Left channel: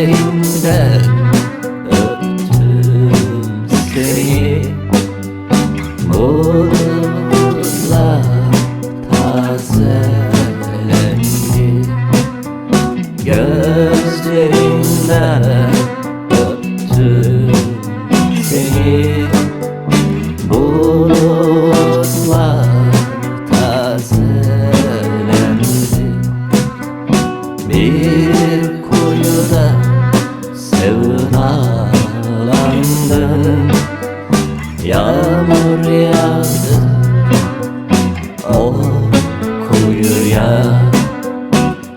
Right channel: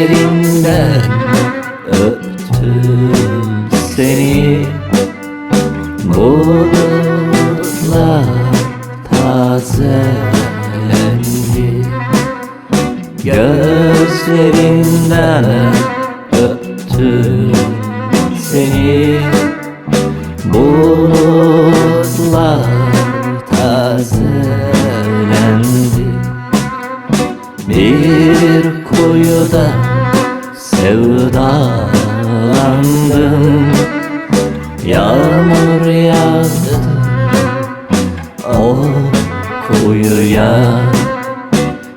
Gözlerinden öptüm seni, bulutlar tazelendi. Gözlerinden öptüm seni, bulutlar tazelendi. Bir kuyuda sevdalandım, yağmur yağdı o kuyuya.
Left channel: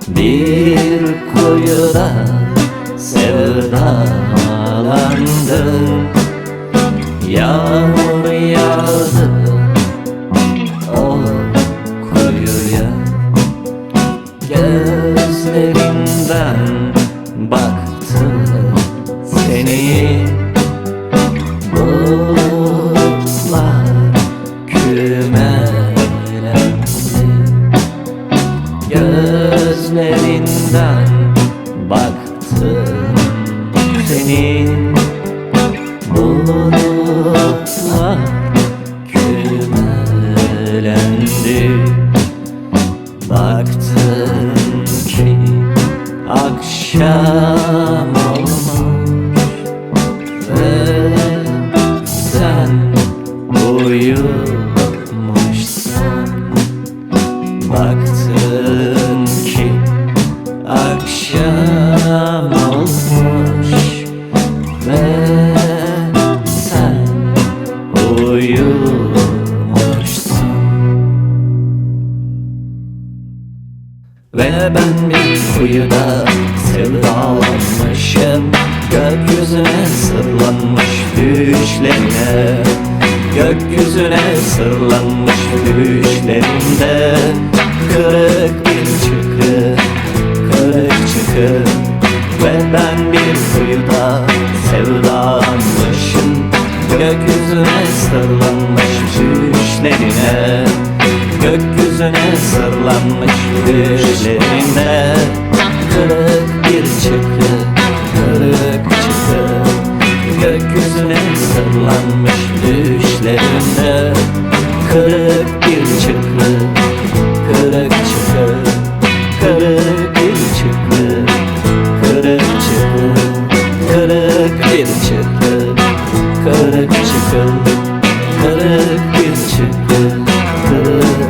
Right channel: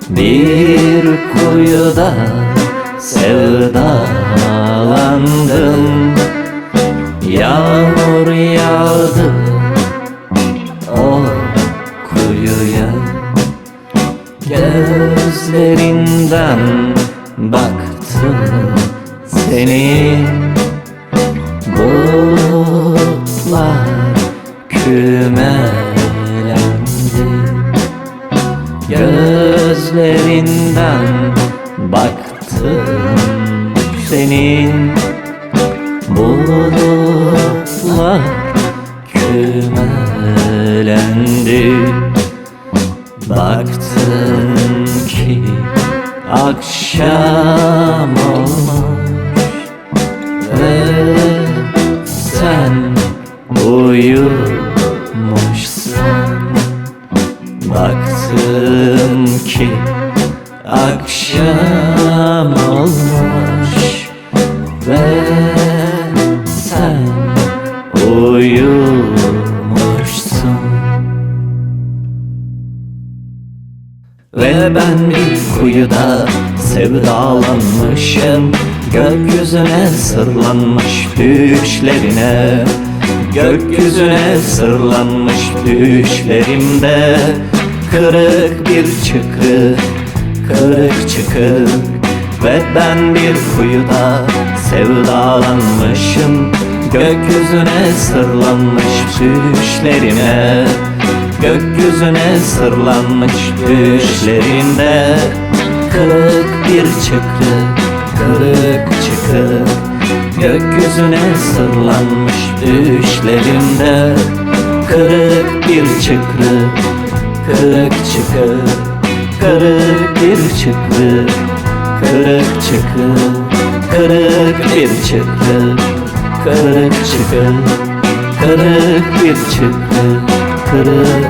Bir kuyuda sevdalandım, yağmur yağdı o kuyuya. Gözlerinden baktım seni, bulutlar kümelendi. Gözlerinden baktım senin, bulutlar kümelendi. Baktım ki akşam olmuş ve sen uyumuşsun. Baktım ki akşam olmuş ve sen uyumuşsun. Ve ben bir kuyuda sevdalanmışım, gökyüzüne sırlanmış düşlerine. Gökyüzüne sırlanmış düşlerimde kırık bir çıkı, kırık çıkı. Ve ben bir kuyuda sevdalanmışım, gökyüzüne sırlanmış düşlerine. Gökyüzüne sırlanmış düşlerinde kırık bir çıkı, kırık çıkı. Gökyüzüne sırlanmış düşlerinde kırık bir çıkı, kırık çıkı. Kırık bir çıkı, kırık çıkı. Kırık bir çıkı, kırık çıkı. Kırık bir çıkı, kırık